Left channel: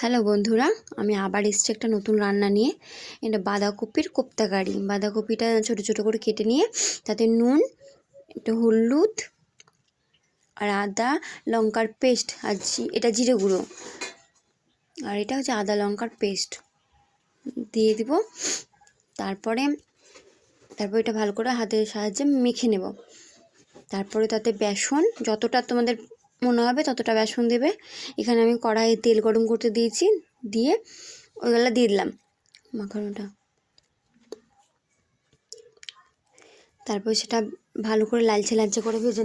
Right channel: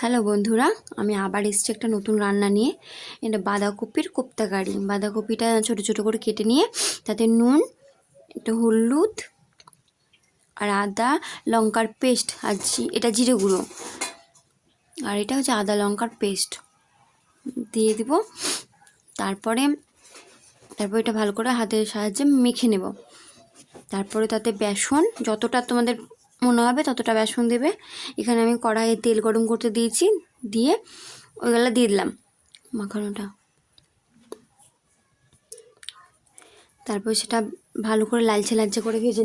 Hello বন্ধুরা, আমি আবার এসেছি একটা নতুন রান্না নিয়ে। এটা বাঁধাকপির কোপ্তা কারি। বাঁধাকপিটা ছোটো ছোটো করে কেটে নিয়ে তাতে নুন, একটু হলুদ আর আদা লঙ্কার পেস্ট, আর এটা জিরে গুঁড়ো, আর এটা হচ্ছে আদা লঙ্কার পেস্ট দিয়ে দিব। তারপরে এটা ভালো করে হাতের সাহায্যে মেখে নেব। তারপরে তাতে বেসন যতটা তোমাদের মনে হবে ততটা বেসন দেবে। এখানে আমি কড়াইয়ে তেল গরম করতে দিয়েছি, দিয়ে ওইগুলো দিয়ে দিলাম মাখানোটা। তারপর সেটা ভালো করে লালচে লালচে করে ভেজে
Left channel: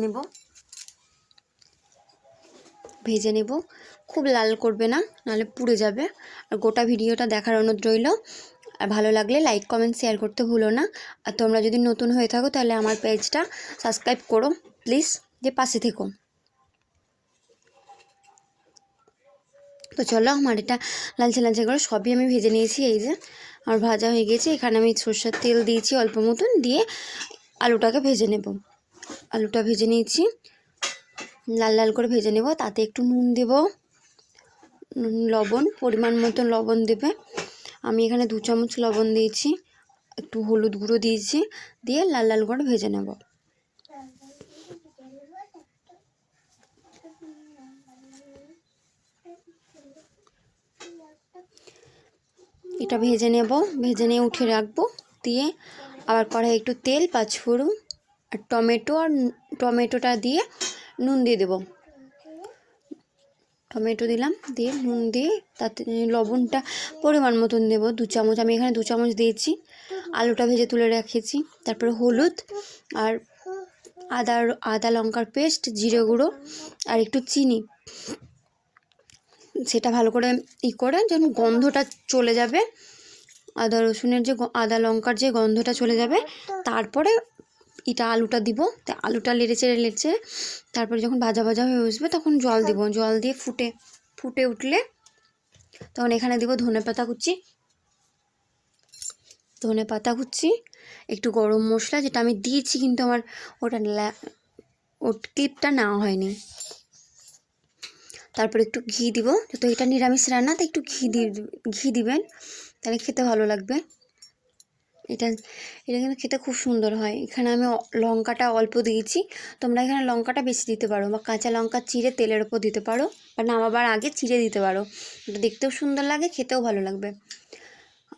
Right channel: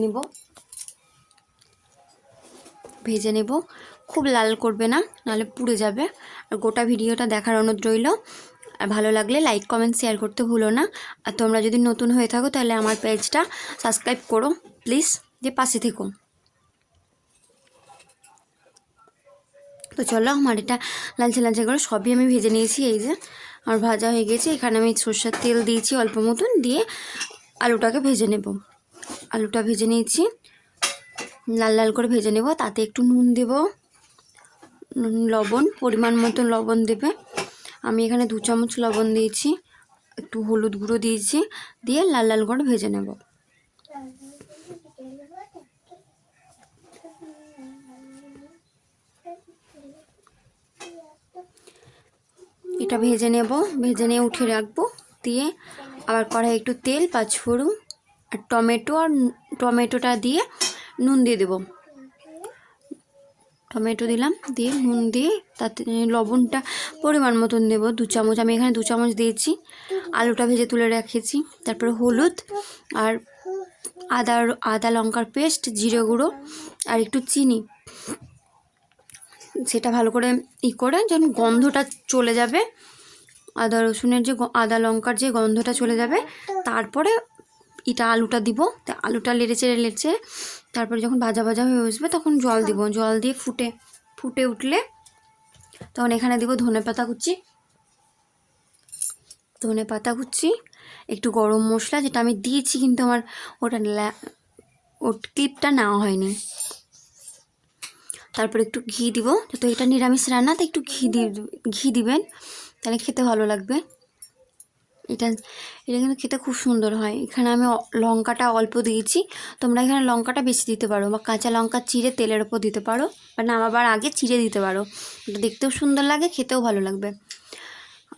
নেব। খুব লাল করবে না, নাহলে পুড়ে যাবে। আর গোটা ভিডিওটা দেখার অনুরোধ রইল। আর ভালো লাগলে লাইক কমেন্ট শেয়ার করতে ভুলো না। আর তোমরা যদি নতুন হয়ে থাকো তাহলে আমার পেজটা সাবস্ক্রাইব করো প্লিজ, যে পাশে থেকো। তো চলো, আমার এটা লালচে লালচে করে সবই আমি ভেজে নিয়েছি। এই যে আমার ভাজা হয়ে গেছে। এখানে আমি সরষের তেল দিয়েছি অল্প মতন, দিয়ে আলুটাকে ভেজে নেব। আলুটা ভেজে নিয়েছি, লাল লাল করে ভেজে নেব। তাতে একটু নুন দেব, লবণ পরিমাণ মতো লবণ দেবে। আমি এখানে 2 চামচ লবণ দিয়েছি, একটু হলুদ গুঁড়ো দিয়েছি, দিয়ে লাল লাল করে ভেজে নেব। এটা ভেজে নিয়ে উঠে রাখবো। দিয়ে আবার কড়াই একটু তেল, পাঁচফোড়ন আর টমেটোটা দিয়ে নুন দিয়ে দেবো। টমেটো দিলাম, দিয়ে নুন দিয়ে তাতে লবণটা পরিমাণ মতন দেবো, 2 চামচ। আমি এখানে 2 চামচ দিয়েছি। আলুটা ভেজে তুলে রেখেছি। তারপরে হলুদ আর আদা লঙ্কার পেস্ট, জিরে গুঁড়ো আর একটু চিনি, সেটা ভালো করে করে যেন গন্ধটা চলে যাবে, আদা রসুনের যে আদা লঙ্কার যে গন্ধটা চলে যাবে। তারপরে এটা আলুটা দিব। আলুটা লেড়ে তারপরে যখন ভাজা ভাজা হয়ে আসবে তখন জল দিব। জল দিয়ে ফুটে উঠলে তখন এখানে দেবো ধনে পাতা কুচি, একটু গরম মশলা, যেটা আমি দিয়েছি কিন্তু আমার ক্লিপটা নেওয়া হয়নি। তারপর একটু ঘি দিব, তো এটা নিরামিষ রান্না, তো একটু ঘি দিবেন, তাহলে খেতে ভালো লাগবে। এটা কিন্তু খেতে খুব সুন্দর হয়। এখানে আমি লঙ্কাটা অল্প দিয়েছি, তোমরা এখানে লঙ্কাটা বেশি দিতে পারো, বা কাঁচা লঙ্কা চিড়ে তেলের ওপর দিতে পারো, বা নামাবার আগে চিড়ে দিতে পারো। এটা দেখতেও সুন্দর লাগে, খেতেও ভালো লাগবে।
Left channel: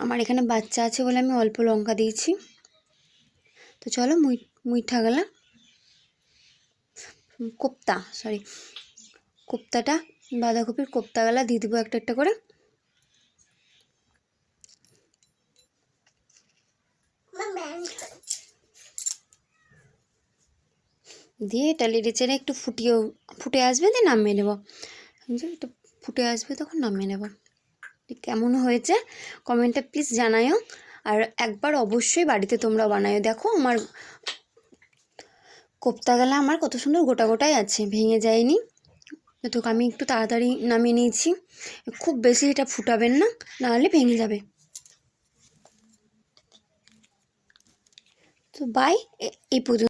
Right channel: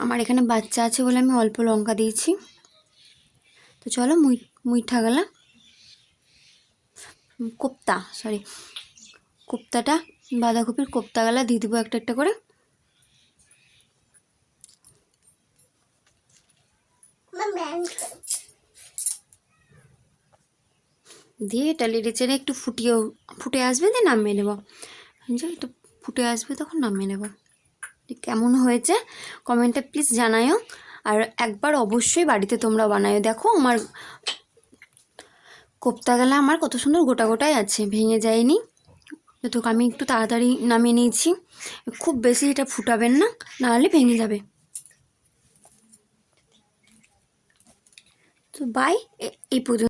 আমার এখানে বাচ্চা আছে বলে আমি অল্প লঙ্কা দিয়েছি। তো চলো, মুইঠা গেলা কোপ্তাটা বাঁধাকপির কোপ্তা গেলা দিয়ে দেবো একটা একটা করে। দিয়ে এটা লেড়ে একটু ফুটে আসবে, দিয়ে নামিয়ে নেবো। একটু ফুটে আসবে তখন নামিয়ে নেব। কেমন হয়েছে কমেন্টে প্লিজ জানায়ও। আর একবার অবশ্যই বাড়িতে তোমরা বানায়ও। দেখো আমার কোপ্তা গেলা আমার কত সুন্দর গোটা গোটাই আছে, ভেঙে যায়নি। তো আমি একটু তাড়াতাড়ি নামিয়ে নিয়েছি। খুব বেশি এটা ফুটাবেন না, নাহলে ভেঙে যাবে। তো বাই, এই পর্যন্ত।